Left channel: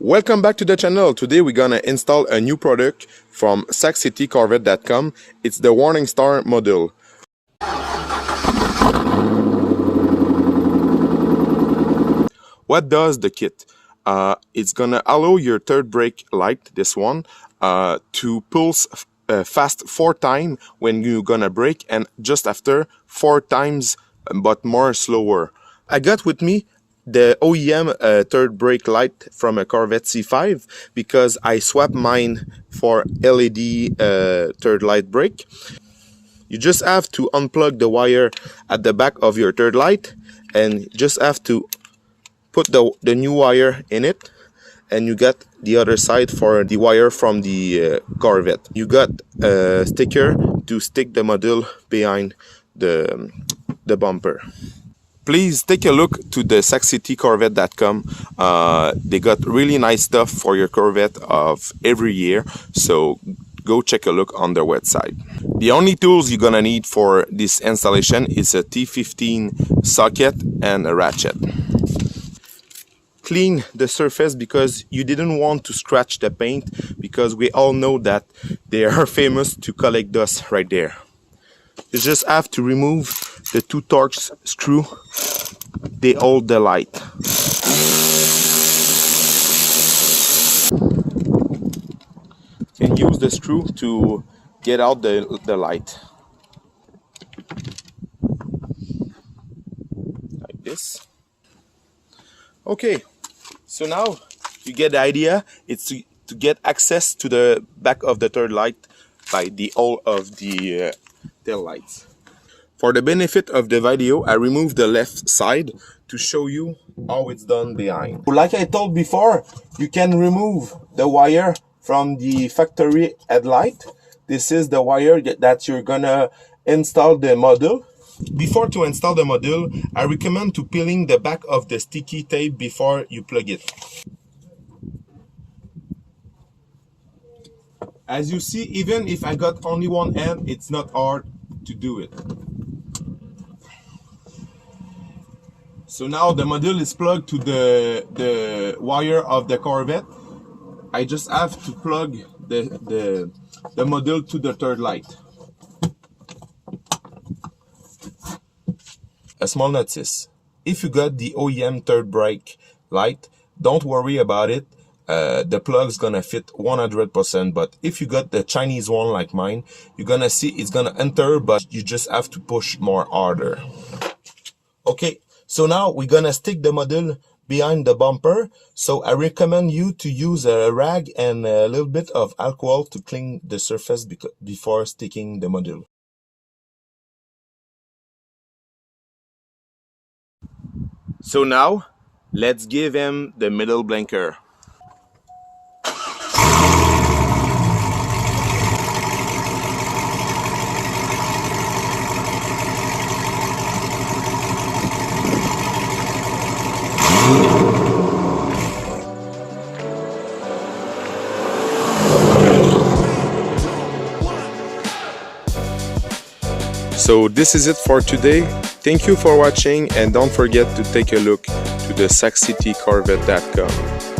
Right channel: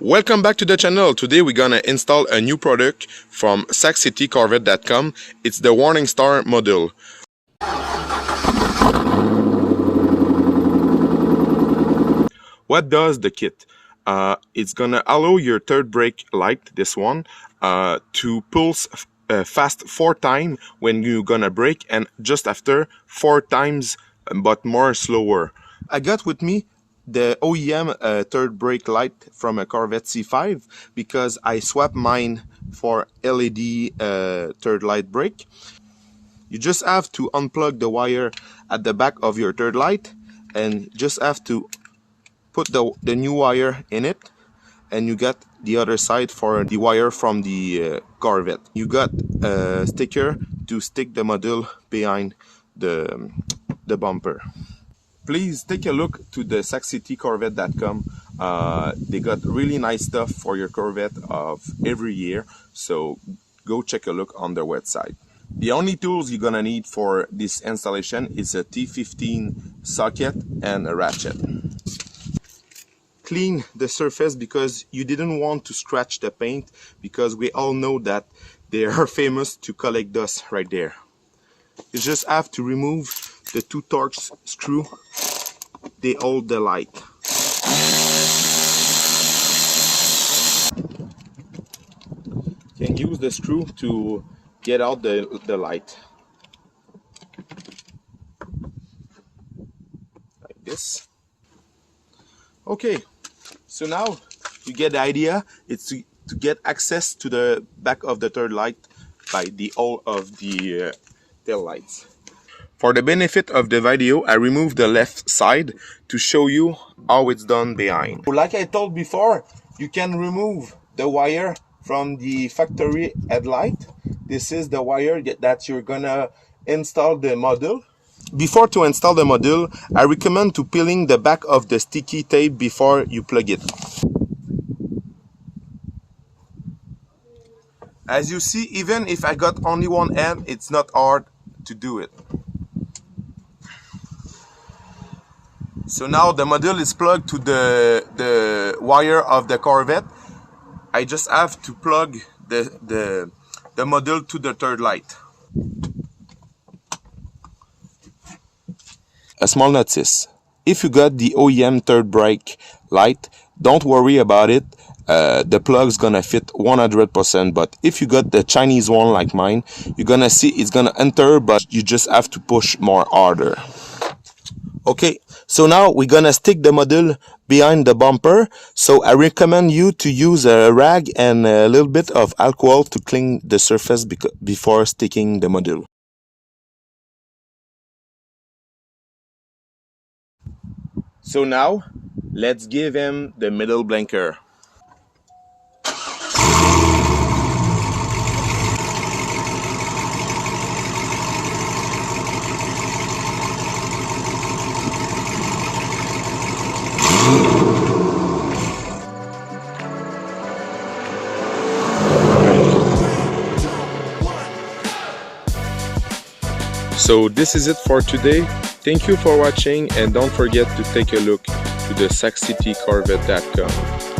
Welcome back to the channel. Today we're gonna install a new product from saxcitycorvette.com. It's the Warning Star module. What does the kit? It's gonna allow your third brake light, this one, to pulse fast 4 times when you're gonna brake, and just after 4 times but more slower. I got with me the OEM third brake light from a Corvette C5 because I swapped mine for LED third light brake. You just have to unplug the wire at the back of your third light and just have to put the new wire in it, and you got the other side for the wire from the Corvette. You got a sticker to stick the module behind the bumper. Please take a look to the saxcitycorvette.com. They got really nice stuff for your Corvette of every year, so go check a look on their website. The only tools you're gonna need for this installation is a T15 socket and a ratchet. Clean the surface because you didn't want to scratch the paint, because we all know that they are famous to collect dust right there. You just have to remove the 2 Torx screw. They hold the light. You can use the screw to get out the light. Like this. Okay, so now you get the idea. It's to get access to the back of the third light by the hole of the tail lights. For the benefit of the video, I removed the left side to show you how it's done behind. Like I told before, you can remove the wire from the factory headlight. This is the wire that you're gonna install the module. Before to install the module, I recommend to peeling the back of the sticky tape before you plug it. As you see, even if I got only one end, it's not hard to do it. So now the module is plugged to the wire of the Corvette. I just have to plug the module to the third light. A small notice: if you got the OEM third brake light, don't worry about it. The plug's gonna fit 100%, but if you got the Chinese one like mine, you're gonna see it's gonna enter, but you just have to push more harder. Okay, so now we're gonna stick the module behind the bumper. So I recommend you to use a rag and a little bit of alcohol to clean the surface before sticking the module. So now let's give him the middle blinker. So this is it for today. Thank you for watching, and don't forget to take a look to the saxcitycorvette.com.